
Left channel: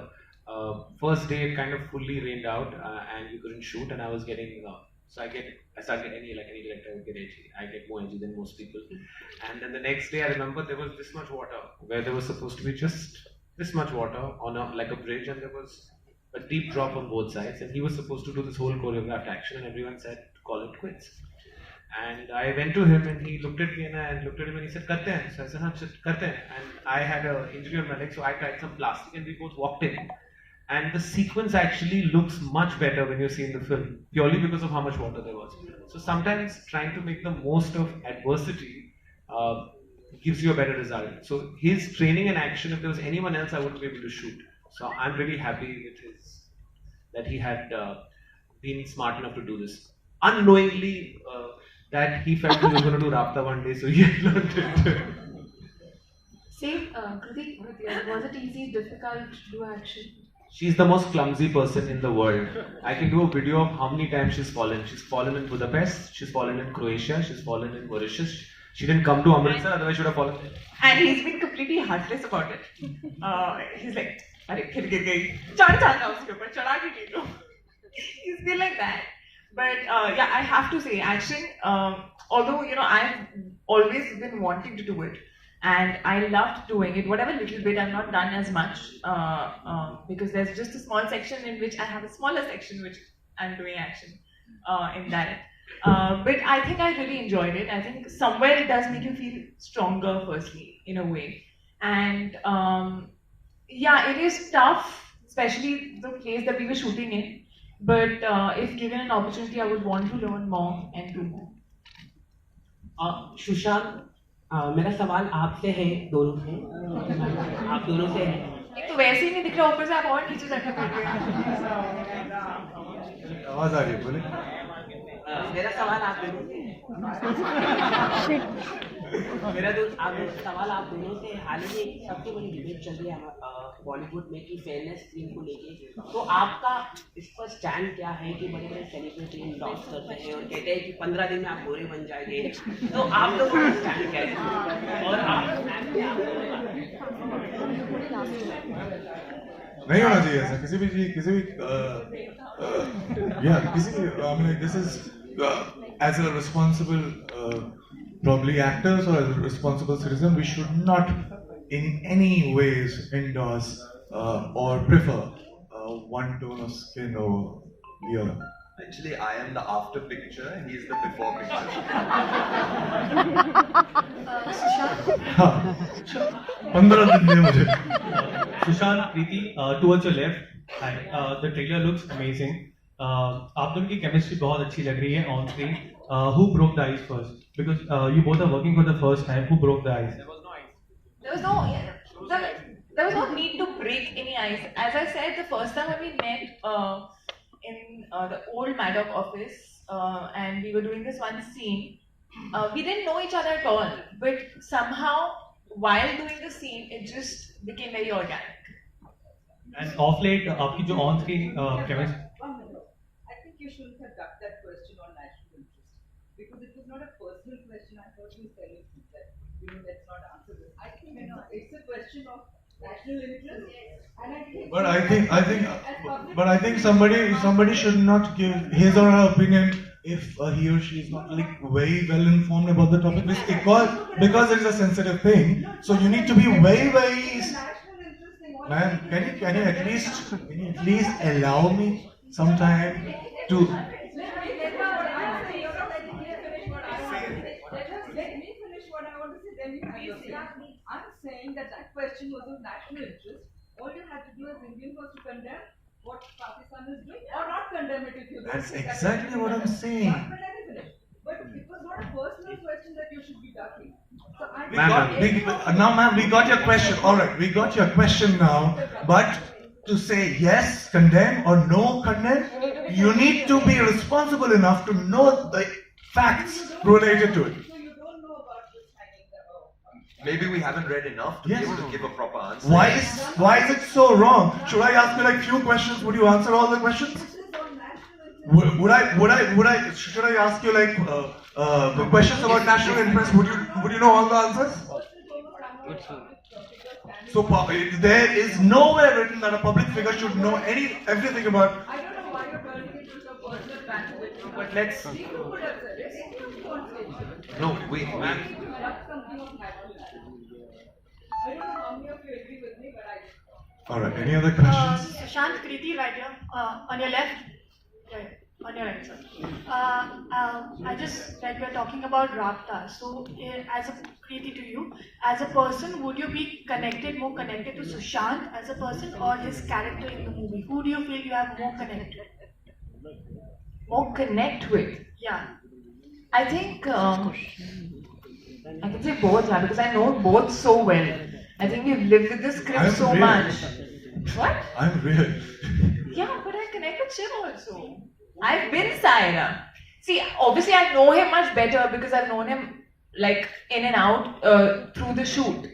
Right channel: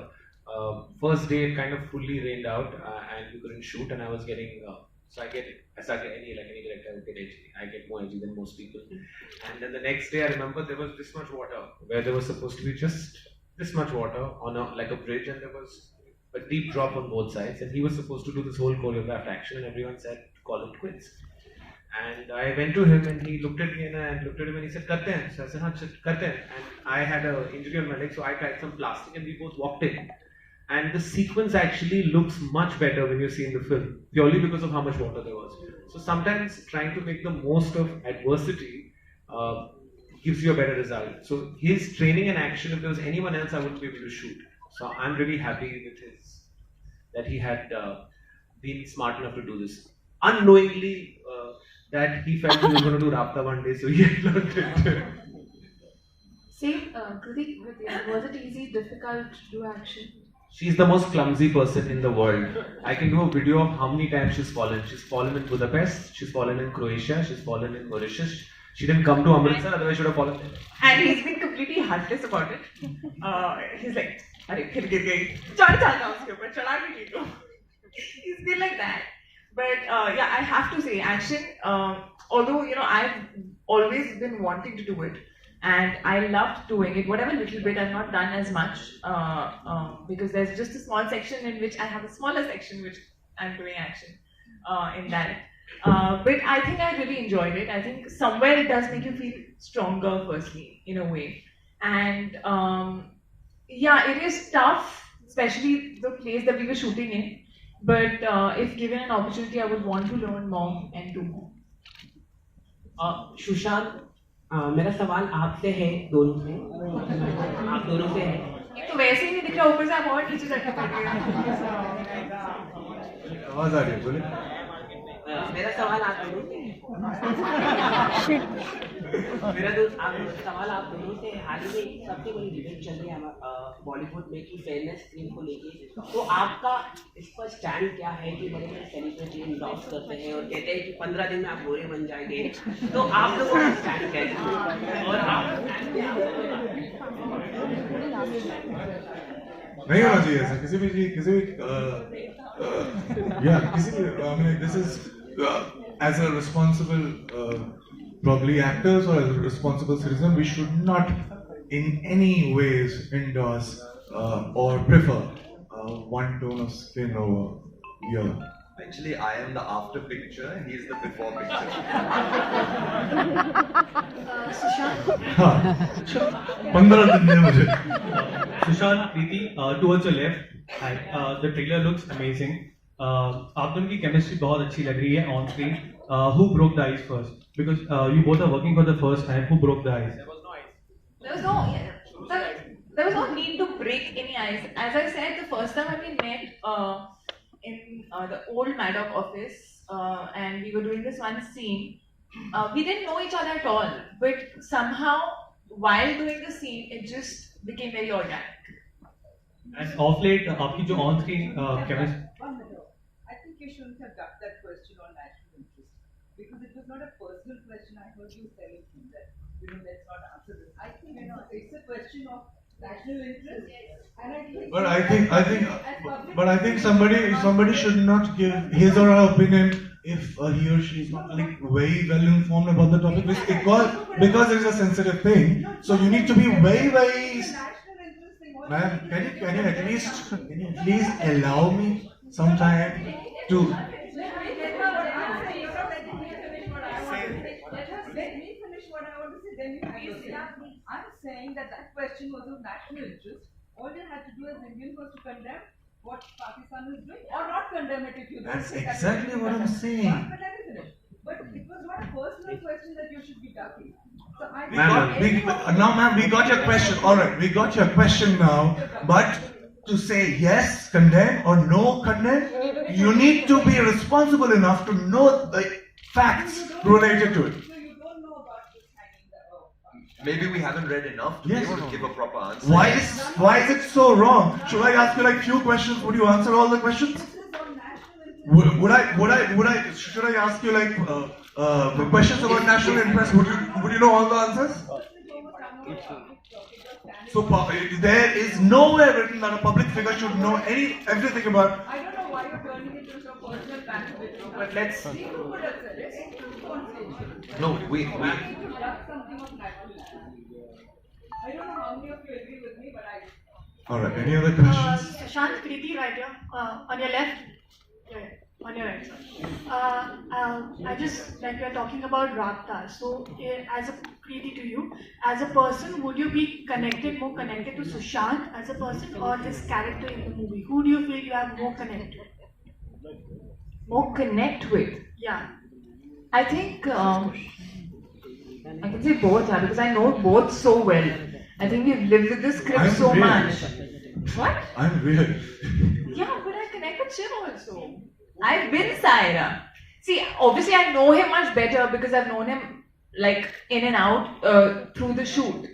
First day, it kind of fully rained out, and we couldn't shoot. And I was getting I started any director, I would get edgy. I get more edgy than most people. And then the next day, I remember there was this much water where there was supposed to be just this much water on like a bridge, and there was a deep drop on both sides, and he was supposed to do this whole choreographed action, and everyone said call it quits. And I went to him, and he looked at me, and I looked at him, and he said karte hain. So I said haan karte hain. And I had an injury on my leg, so I tried some plastic, and we both walked in. And the sequence actually looks much better when you see in the film, purely because of how much water there was. So sometimes trying to make the most of adversity gives you a better result. So his training and action, if there was anyone else, I wouldn't be able to shoot. So I'm really happy with that he had been smart enough to do this. Unknowingly, that he felt he was going to do Raabta one day, so he learned it. Kriti, was it easy, difficult to do action? She's the most clumsy person in the world. I can do a video of how many times she's fallen. She's fallen in Budapest, she's fallen in Croatia, she's fallen in Mauritius. She didn't come to Amritsar, otherwise she would have fallen there. And he's been completely heartless about it. He's like, "Arey, phir gir gayi. Chad chada uske upar, chada bhi nahi do." He's been like that. But I have to say, action. Although I've always been wanting to do it, and I loved doing it. Whatever little bit, I've not done as much because there's just a small section in which I have a smaller section which I'm doing action in that. But I think I really enjoyed it. I think somewhere it does make you feel stronger, firstly, in a way. And it is tough, especially the place that we were shooting in. But if given an opportunity, I would want to learn more and do more. Sushant, मेरा सवाल आपसे है, दोनों से, आप दोनों से है। एक तो वैसे ही नहीं दिख रहा, ऊपर से आप और पीछे जाके बैठे हैं। आवाज आ रही है, बोले। मेरा सवाल आप दोनों से है। सवाल आप दोनों से हाल ही में सबसे बड़ी डिबेट चल रही है बॉलीवुड में कि फेयरनेस क्रीम को लेके, तो आपका इस पर स्टैंड क्या है कि बड़े बड़े सेलिब्रिटी इंडोर्स करते हैं और कहते हैं कि 15 दिन में आप गोरे बन जाएंगे, तो आप लोगों का स्टैंड क्या है और आपका स्टैंड क्या है? नहीं होना चाहिए ऐसा किसी भी I mean, this is as a responsible probably actors or as a responsible citizen, we should not in any ways endorse or prefer one tone of skin over the other. Actually, I am the after picture and he is the before picture. हाँ, 15 दिन में मुझे. Sushant, Kriti, towards your left, the trailer looks amazing. आप दोनों की chemistry बहुत अच्छी लग रही है on screen. Who broke the ice first? Because you both are working for the first time. Who broke the ice? There was no need to break any ice. As I said, the first time when we met in the old Maddock office and we were doing this one scene, we didn't know each other at all. But somehow, while doing the scene, it just became very organic. And off late, आपकी जो on screen chemistry. I think you shouldn't have ducked that question on national interest because it was not a personal question. I heard you telling me that let's not answer this. I think it's a question of national interest, and I think. But I think somebody should not give his or her opinion if he or she is not like very well informed about the topic because it is a sensitive thing. So you need to be very. Ma'am, can you at least allow me some time to. Let me finish what I want to say. Then you have to say. I'm saying that question was of national interest. All you had to do as Indians was to condemn what Pakistan is doing, or not condemn it if you don't. That's exactly what I'm saying. But let me finish. But it was not a personal question that you should be ducking. So Ma'am, we got your question. All right, we got your question now. But to say yes, condemn, or no, condemn, you need to be responsible enough to know the facts related to it. Maybe we haven't read enough to be able to give a proper answer. Why is it so wrong? Should I ask you like few questions? Would you answer all the questions? Should I ask you like the questions about national interest? Would you know all the answers? So there is nowhere written that a public figure should know everything about. I don't know why you're turning it into a personal banter. But let's. No, we. Something of national. I don't know how many of you agree with me, but I. All right. Any other questions? Sushant, Kriti, right here, on your left. On your right, sir. I just like we're talking about Raabta. So, as a Kriti to you, as a person, would you be more connected to Sushant as a person or his character in the movie? Who do you feel you have more connected? More connect with? Yeah. I think I can say both, because I know both so well. I think we've lived with this script so much. What? I'm weird. Yeah, but I connect with Shiv also. I've been Saira. See, obviously I know him much better because I've known him like in and out through the shoot.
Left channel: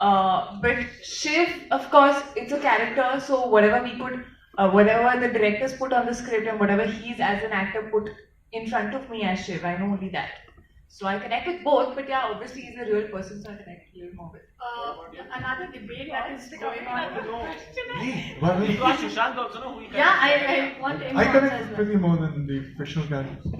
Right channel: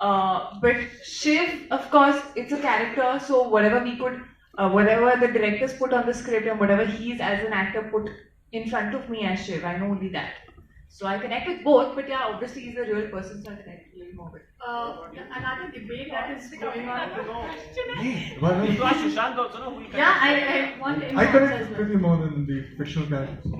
But Shiv, of course, it's a character, so whatever the directors put on the script and whatever he's as an actor put in front of me as Shiv, I know only that. So I connect with both, but yeah, obviously he's a real person, so I connect a little more with. Another debate that is going on. Sushant also know who he connects. Yeah, I want him. I connect with Kriti more than the fictional characters.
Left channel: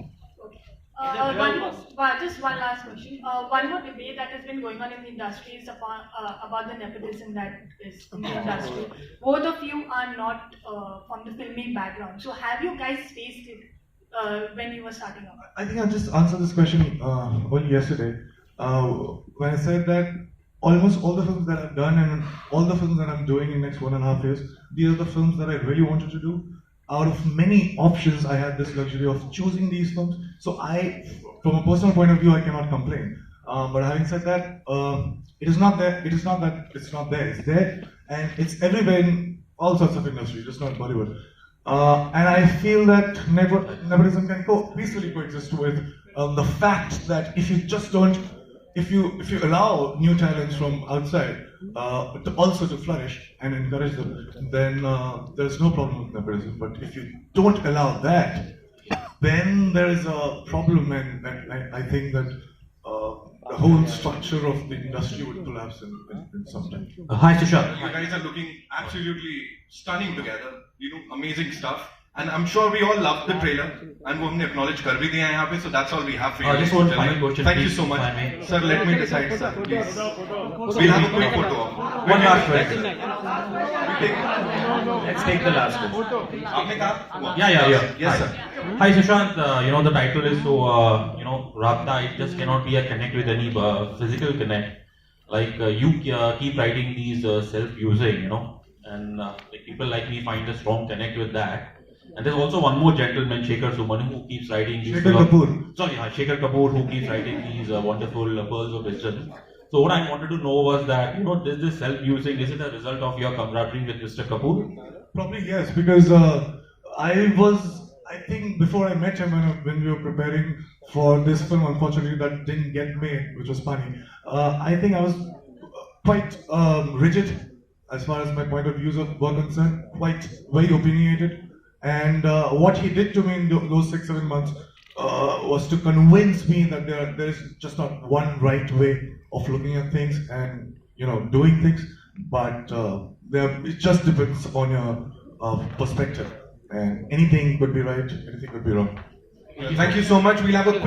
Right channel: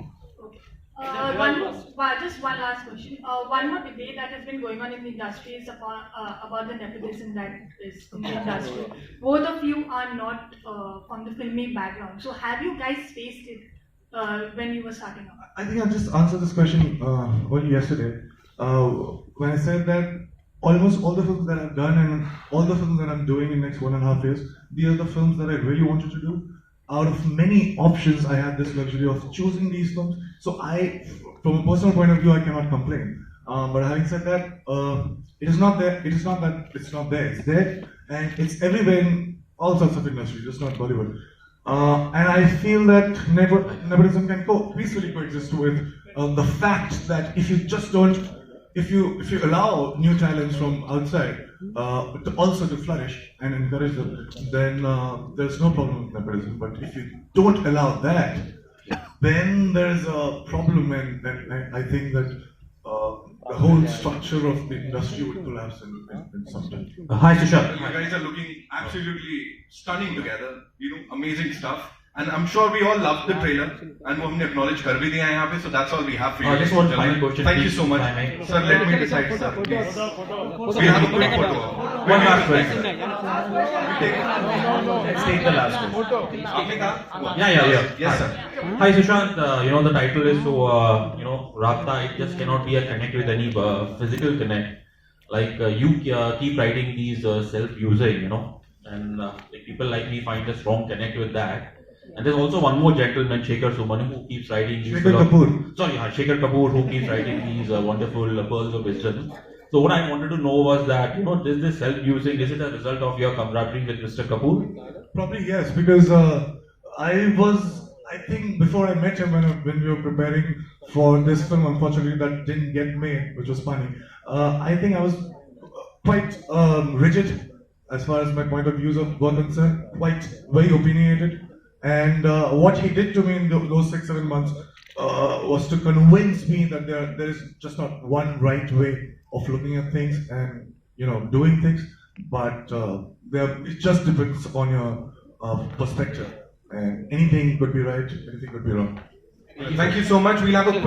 Just one last question. One more debate that has been going on in the industry is about the nepotism that is in the industry. Both of you are not from the filming background, so have you guys faced it when you were starting out? I think I just answered this question only yesterday when I said that almost all the films that I've done and all the films that I'm doing in the next 1.5 years, these are the films that I really wanted to do. Out of many options, I have this luxury of choosing these films. So from a personal point of view, I cannot complain. But having said that, it is not there. It is not that it's not there. It's there, and it's everywhere in all sorts of industries, just not Bollywood. And I feel that nepotism can peacefully coexist with the fact that if you just don't, if you allow new talents from outside also to flourish and encourage them, then there's no problem with nepotism. But if you don't allow that, then there's a problem, and I think that the whole structure of the industry would collapse in some time. Hi, Sushant. You guys are looking absolutely stunning together. You know, amazing stuff. And I'm sure we all loved the trailer. And we have acknowledged kar bhi diya hai yahan pe, so that's all we have for you. Just one final question. Thank you so much. Sir, let me decide, sir, please. We'll have a quick photo. One last question. Let's take the last one. Aapne kaha? Yeah. Yes, sir. Hi, Sushant. The title is so, Raabta, it just cannot be a connect with any physical connect. Like, you keep writing these self-using, and like people like me find a strong connect with that. And there's also one more gentleman, Shekhar Suman, who keeps writing these... Shekhar Kapoor. Shekhar Kapoor, who keeps writing these wonderful pearls of wisdom. So what I wanted to know was that, is this self-using, is it a result of your camaraderie with Mr. Kapoor? Probably yes, because I think before I met him when we were preparing for this film, unfortunately that didn't get made, which was funny. I think I was quite rigid as far as my point of views were concerned, quite very opinionated. And what he did to me in those 6-7 months was to convince me that there is just not one right way of looking at things and doing things, but it just depends on your perspective. And anything could be right, anything could be wrong. Thank you so much. We'll have a quick